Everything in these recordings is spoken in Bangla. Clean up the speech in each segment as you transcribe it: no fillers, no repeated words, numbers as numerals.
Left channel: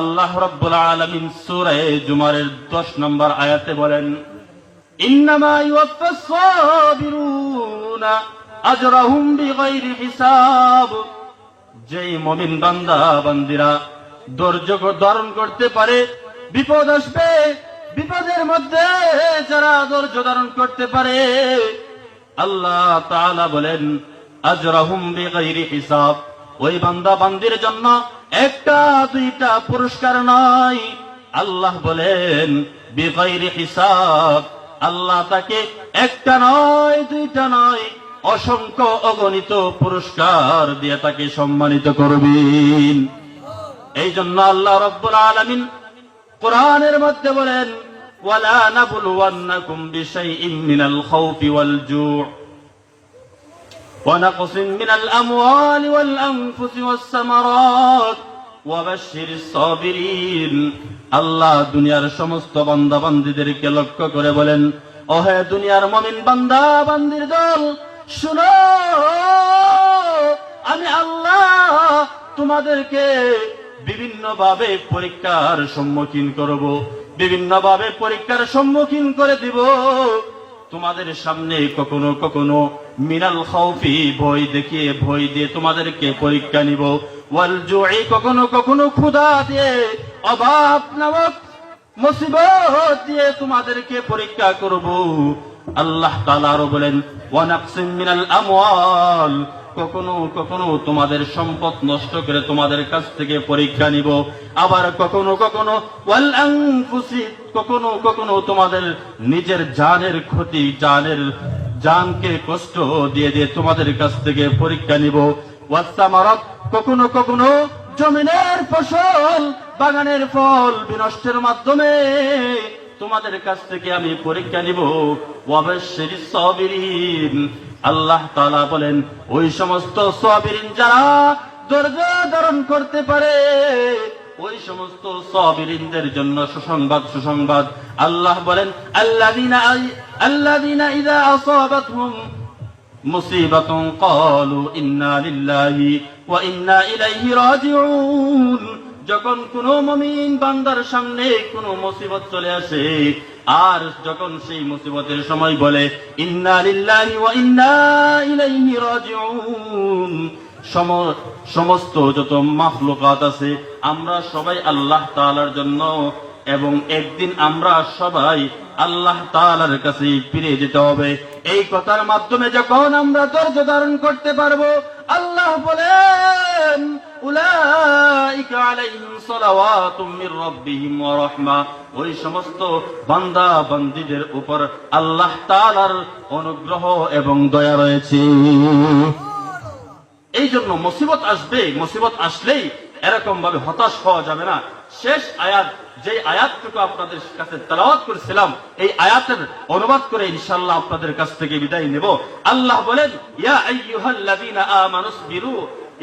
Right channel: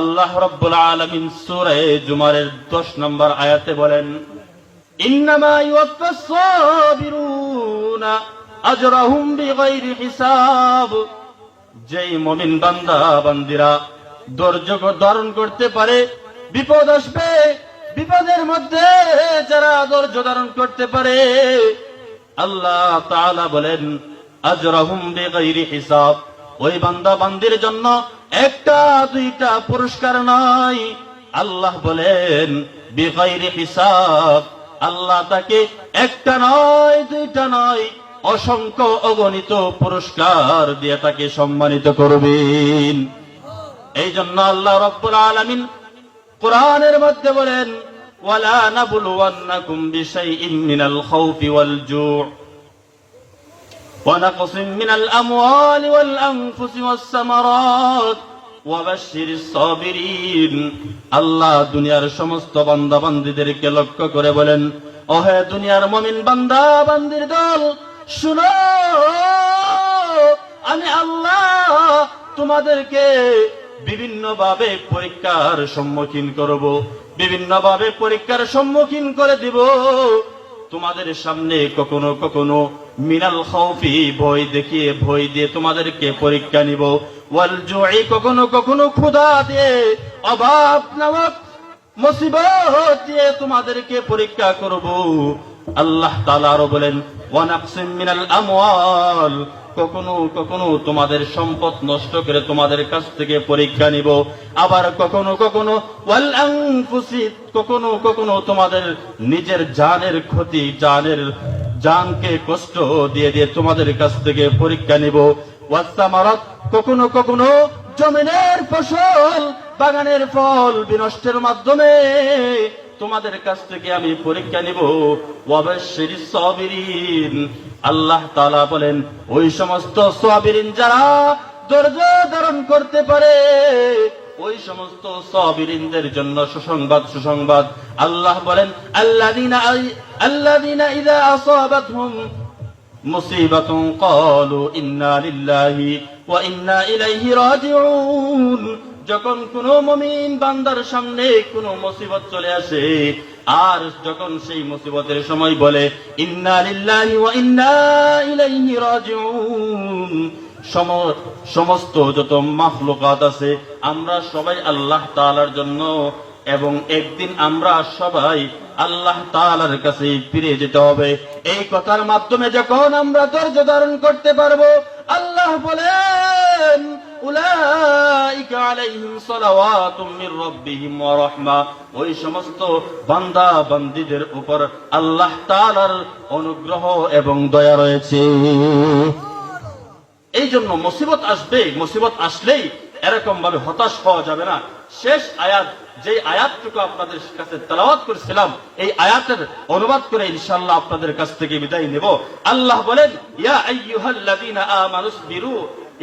আল্লাহ রাব্বুল আলামিন সূরা জুমারের 10 নম্বর আয়াতে বলেন, ইন্নামা ইউওয়াফাস সাবিরুনা আজরাহুম বিগাইরি হিসাব। যেই মুমিন বান্দা বান্দিরা ধৈর্য ধারণ করতে পারে, বিপদ আসবে, বিপদের মধ্যে যারা ধৈর্য ধারণ করতে পারে, আল্লাহ তাআলা বলেন আজরাহুম বিগাইরি হিসাব, ওই বান্দা বান্দির জন্য একটা দুইটা পুরস্কার নয়, আল্লাহ বলেন বিগাইরি হিসাব, আল্লাহ তাকে একটা নয় দুইটা নয় অসংখ্য অগণিত পুরস্কার দিয়ে তাকে সম্মানিত করবেন। এই জন্য আল্লাহ রাব্বুল আলামিন কোরআনের মধ্যে বলেন, ওয়ালা নাবলুওয়ান্নাকুম বিশাইইন মিনাল খাউফি ওয়াল জু' ওয়া নাকসিম মিনাল আমওয়ালি ওয়াল আনফুসি ওয়াস সামারাত ওয়া বাশশিরিস সাবিরিন। আল্লাহ দুনিয়ার সমস্ত বান্দা বান্দীদেরকে লক্ষ্য করে বলেন, ও হে দুনিয়ার মুমিন বান্দা বান্দির দল, শুনো, আমি আল্লাহ তোমাদেরকে বিভিন্ন ভাবে পরীক্ষার সম্মুখীন করব, বিভিন্ন ভাবে পরীক্ষার সম্মুখীন করে দিব। তোমাদের সামনে কখনো কখনো মিনাল খাউফি ভয় দেখিয়ে, ভয় দিয়ে তোমাদেরকে পরীক্ষা নিব, ওয়াল জু'i কখনো কখনো ক্ষুধা দিয়ে, অভাব নামক মুসিবত দিয়ে তোমাদেরকে পরীক্ষা করব। আল্লাহ তাআলা আরো বলেন, ওয়া নাকসিম মিনাল আমওয়াল, কখনো কখনো তোমাদের সম্পদ নষ্ট করে তোমাদের কাছ থেকে পরীক্ষা নিব। আবার কখনো কখনো ওয়াল আনফুসি, কখনো কখনো তোমাদের নিজের জানের ক্ষতি, জানকে কষ্ট দিয়ে দিয়ে তোমাদের কাছ থেকে পরীক্ষা নিব। ওয়াস সামারাত, কখনো কখনো জমিনের ফসল, বাগানের ফল বিনষ্টের মাধ্যমে তোমাদের কাছ থেকে আমি পরীক্ষা নিব। ওয়া বাশশিরিস সাবিরিন, আল্লাহ তাআলা বলেন ওই সমস্ত সাবিরিন যারা ধৈর্য ধারণ করতে পারে, ওই সমস্ত সাবিরিনদের জন্য সুসংবাদ, সুসংবাদ। আল্লাহ বলেন, আল্লাযীনা ইযা আসাবাতহুম মুসিবাতুন ক্বালু ইন্না লিল্লাহি ওয়া ইন্না ইলাইহি রাজিউন। যখন কোন মুমিন বান্দার সামনে কোন মুসিবত চলে আসে, আর যখন সেই মুসিবতের সময় বলে ইন্না লিল্লাহি ওয়া ইন্না ইলাইহি রাজিউন, সমস্ত যত মাখলুকাত আছে আমরা সবাই আল্লাহ তাআলার জন্য, এবং একদিন আমরা সবাই আল্লাহ তাআলার কাছে ফিরে যেতে হবে। এই কথার মাধ্যমে যখন আমরা ধৈর্য ধারণ করতে পারবো, আল্লাহ বলেন উলাইকা আলাইহিম সালাওয়াতুম মির রাব্বিহিম ওয়া রাহমা, ওই সমস্ত বান্দা বান্দীদের উপর আল্লাহ তাআলার অনুগ্রহ এবং দয়া রয়েছে। এই জন্য মুসিবত আসবে, মুসিবত আসলেই এরকম ভাবে হতাশ হওয়া যাবে না। শেষ আয়াত, যে আয়াতটুকু আপনাদের কাছে তেলাওয়াত করেছিলাম, এই আয়াতের অনুবাদ করে ইনশাআল্লাহ আপনাদের কাছ থেকে বিদায় নেব। আল্লাহ বলেন, ইয়া আইয়ুহাল্লাযীনা আমানুসবিরু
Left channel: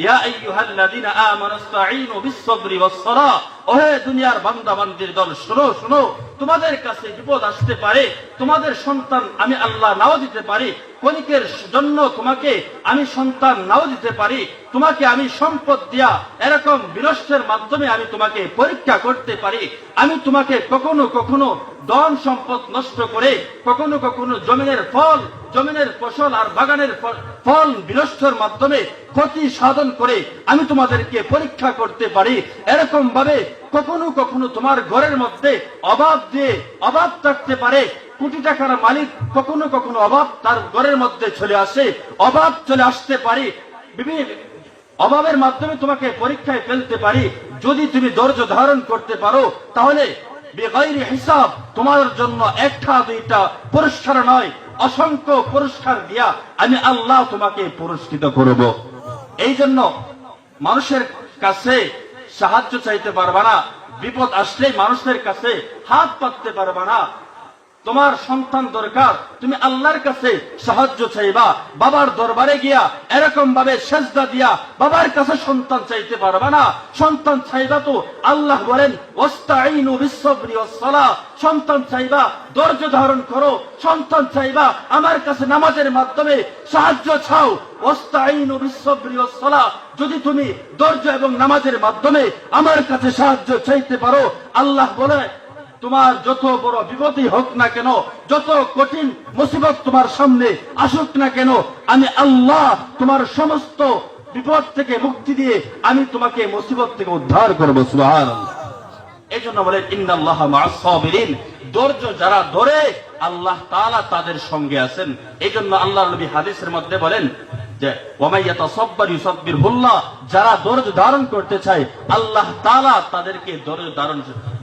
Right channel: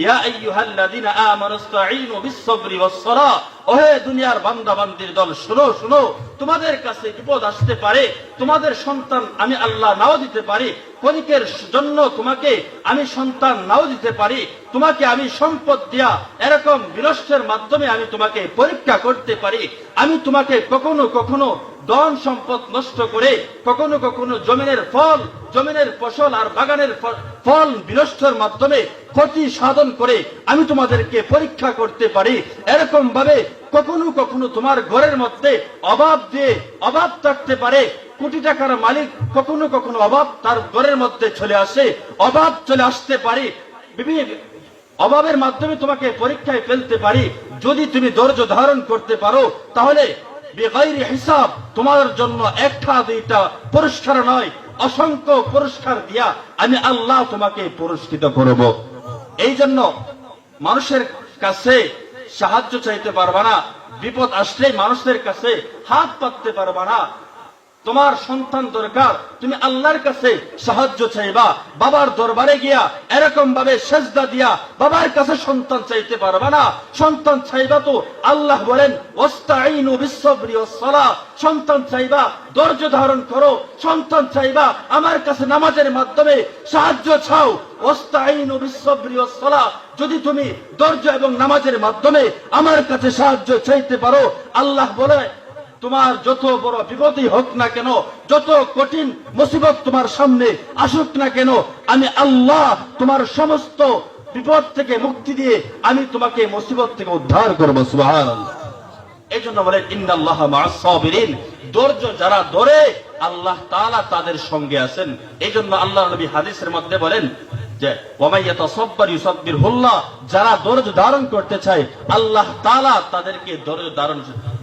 ইয়া আইয়ুহাল্লাযীনা আমানুস্তাঈনু বিস-সাবরি ওয়াস-সালাহ। ওহে দুনিয়ার বান্দা বান্দির দল, শুনো শুনো, তোমাদের কাছে বিপদ আসতে পারে, তোমাদের সন্তান আমি আল্লাহ নাও দিতে পারি, ক্ষণিকের জন্য তোমাকে আমি সন্তান নাও দিতে পারি, তোমাকে আমি সম্পদ দিয়া এরকম বিনষ্টের মাধ্যমে আমি তোমাকে পরীক্ষা করতে পারি। আমি তোমাকে কখনো কখনো ধন সম্পদ নষ্ট করে, কখনো কখনো জমিনের ফল, জমিনের ফসল আর বাগানের ফল বিনষ্টের মাধ্যমে ক্ষতি সাধন করে আমি তোমাদেরকে পরীক্ষা করতে পারি। এরকম ভাবে কখনো কখনো তোমার ঘরের মধ্যে অভাব দিয়ে, অভাব থাকতে পারে, কোটি টাকার মালিক কখনো কখনো অভাব তার ঘরের মধ্যে চলে আসে, অভাব চলে আসতে পারে, বিভিন্ন অভাবের মাধ্যমে তোমাকে পরীক্ষায় ফেলতে পারি। যদি তুমি ধৈর্য ধারণ করতে পারো, তাহলে বেগাইরি হিসাব তোমার জন্য একটা দুইটা পুরস্কার নয়, অসংখ্য পুরস্কার দিয়া আমি আল্লাহ তোমাকে পুরস্কৃত করব। এই জন্য মানুষের কাছে সাহায্য চাইতে পারবা না, বিপদ আসলে মানুষের কাছে হাত পাততে পারবা না। তোমার সন্তান দরকার, তুমি আল্লাহর কাছে সাহায্য চাইবা, বাবার দরবারে গিয়া এরকম ভাবে সেজদা দিয়া বাবার কাছে সন্তান চাইতে পারবা না। সন্তান চাইবা তো আল্লাহ বলেন ওয়াস্তাঈনু বিস-সাবরি ওয়াস-সালাহ, সন্তান চাইবা ধৈর্য ধারণ করো, সন্তান চাইবা আমার কাছে নামাজের মাধ্যমে সাহায্য চাও। ওয়াস্তাঈনু বিস-সাবরি ওয়াস-সালাহ, যদি তুমি ধৈর্য এবং নামাজের মাধ্যমে আমার কাছে সাহায্য চাইতে পারো, আল্লাহ বলে তোমার যত বড় বিপদই হোক না কেন, যত কঠিন মুসিবত তোমার সামনে আসুক না কেন, আমি আল্লাহ তোমার সমস্ত বিপদ থেকে মুক্তি দিয়ে আমি তোমাকে মুসিবত থেকে উদ্ধার করবো। সুবহানাল্লাহ। এই জন্য বলেন ইন্নাল্লাহা মা'আস সাবিরিন, ধৈর্য যারা ধরে আল্লাহ তাআলা তাদের সঙ্গে আছেন। এই জন্য আল্লাহর নবী হাদিসের মধ্যে বলেন যে ওয়ামাই ইয়াতাসাব্বার ইউসাব্বিরহুল্লাহ, যারা ধৈর্য ধারণ করতে চায় আল্লাহ তাআলা তাদেরকে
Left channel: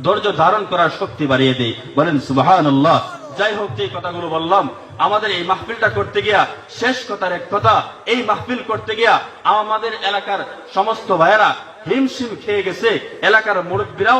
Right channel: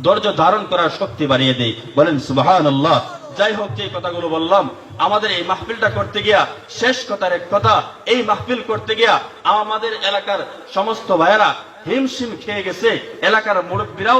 ধৈর্য ধারণ করার শক্তি বাড়িয়ে দেয়। বলেন সুবহানাল্লাহ। যাই হোক, যে কথাগুলো বললাম, আমাদের এই মাহফিলটা করতে গিয়া শেষ কথার এক কথা, এই মাহফিল করতে গিয়া আমাদের এলাকার সমস্ত ভাইয়েরা হিমশিম খেয়ে গেছে, এলাকার মুরব্বীরাও